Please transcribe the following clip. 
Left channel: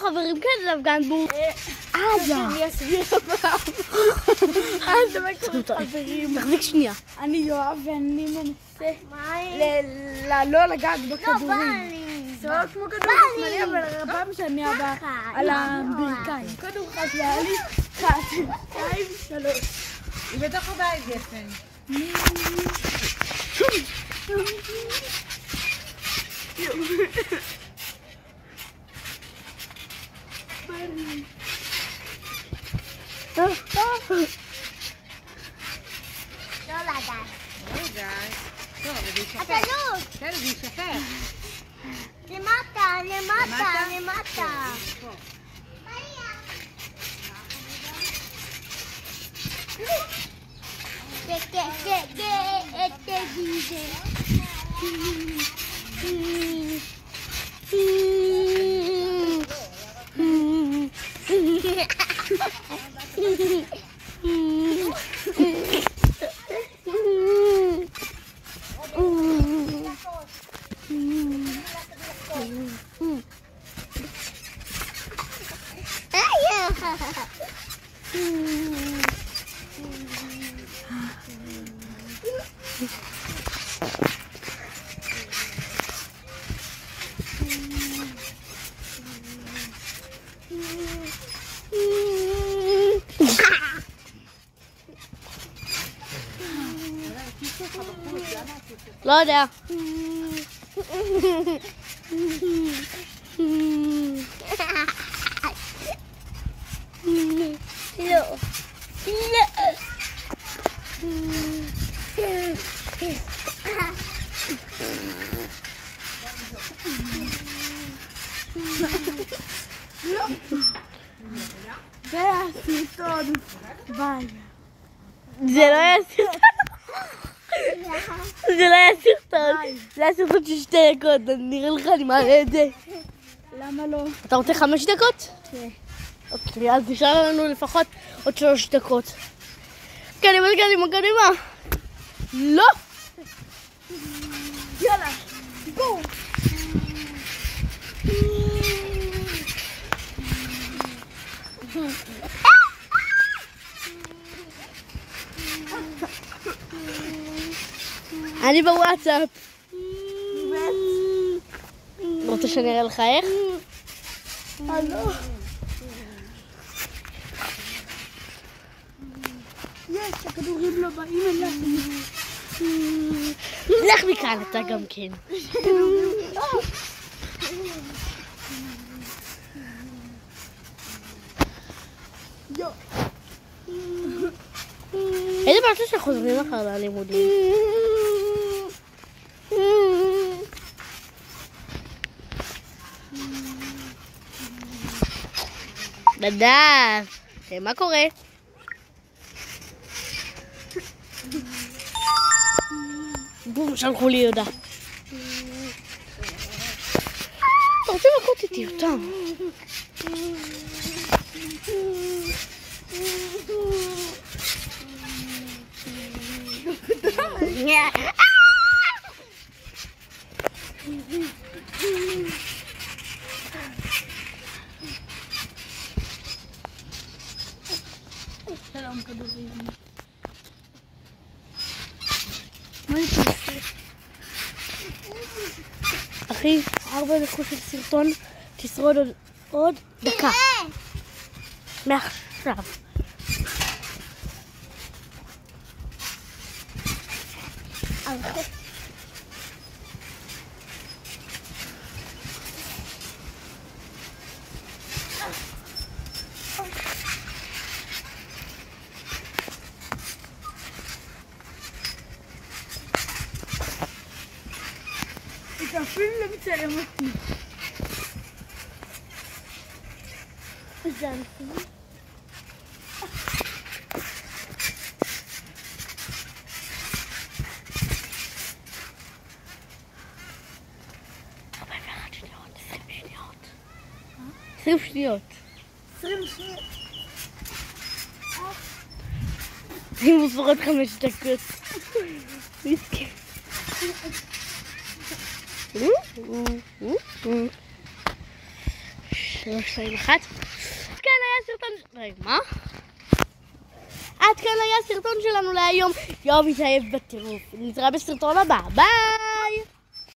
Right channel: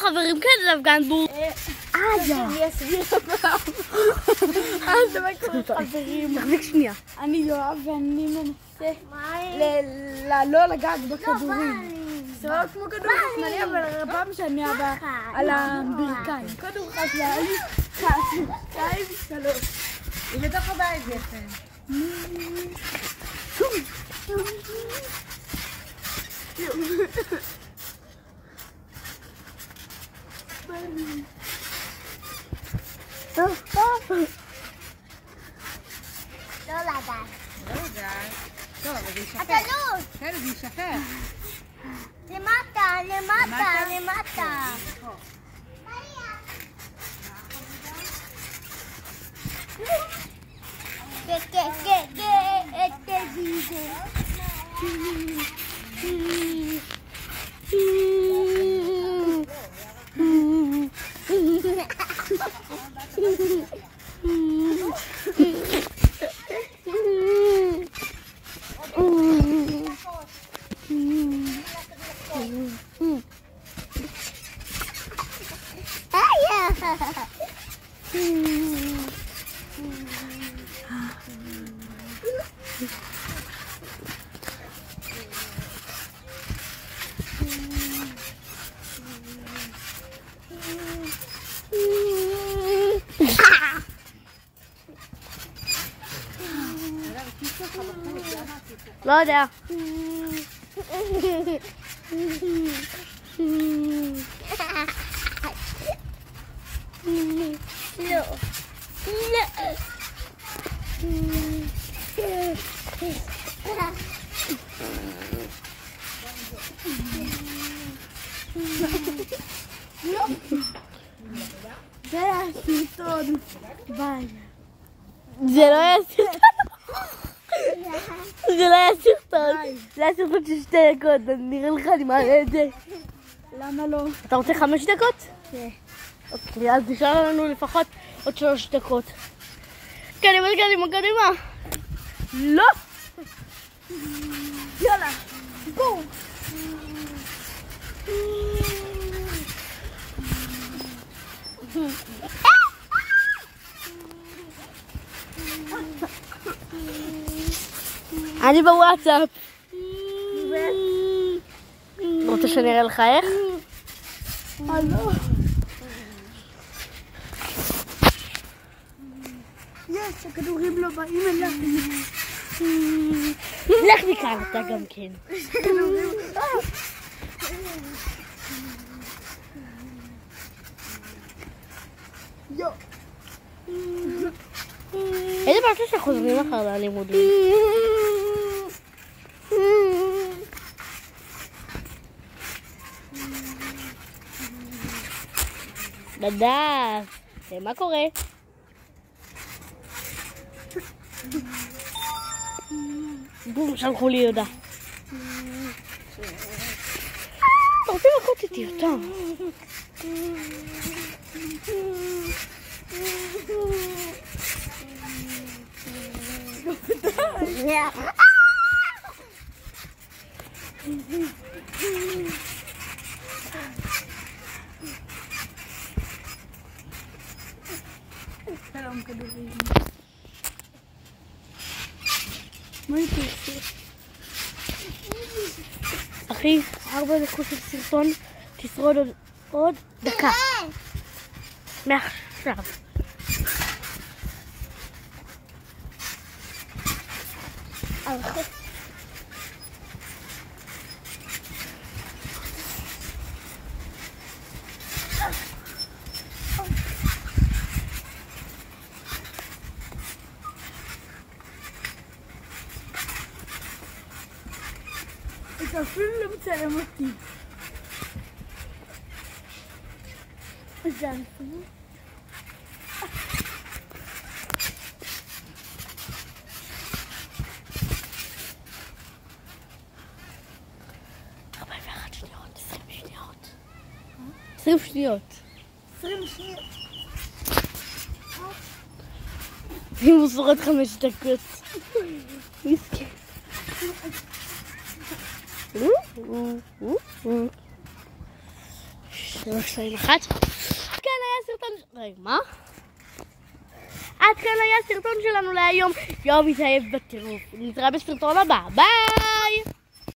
חברים כאלה להפגן בו. אני אסביר הפעם. אז דבר כזה חברים. תחזיק שנייה. אני יואב ואני מנסה לא לגעת בכדורים. זה לא כמו כדור חשמלי, אבל הפעם שאני על הברכיים. כדור חשמלי, 1, 2, 3. היא בתוך הבית יפה. אתה לא! כן, זה ישפר. למטה, למטה, למטה. לא יודע. זה היה סרטון. ביי. זה לא היה סרטון. זה לא היה סרטון. זה היה סרטון של 2 דקות. נראה לך, אני מעלה את זה. למה לא? אתה רוצה 5 דקות? כן. אוקיי, אז נשאר לנו לפחות עוד 3 דקות. קדימה, קדימה, קדימה. לא! יאללה, בואו. אני בוואטסאפ. רוצה שאני אראה לך איך? הלו. יש, הכדורים לא באים אליי. לך מכאן, אתה גם כן. איזה בעצם שחוזרים אחר ללימודים? נדב, מה קורה? בום, שלחו לי יהודה. אתה רוצה מכות איתי אותם? שלום כדורים. מה אני תעשה? אחי, 4 דקות של סרטון, תשרוד עוד דקה. מעכשיו. אתה אפילו לא מצלם אותי. ג'אמפי. עשרים שניות. 20 שניות. אם הוא ספורת 5 דקות. מסכן. 321. כן, היה סרטון... רגע, מה? עד כאן היה סרטון שלנו להיום. יואו, מתאהב בטירוף. נתראה בסרטון הבא. ביי!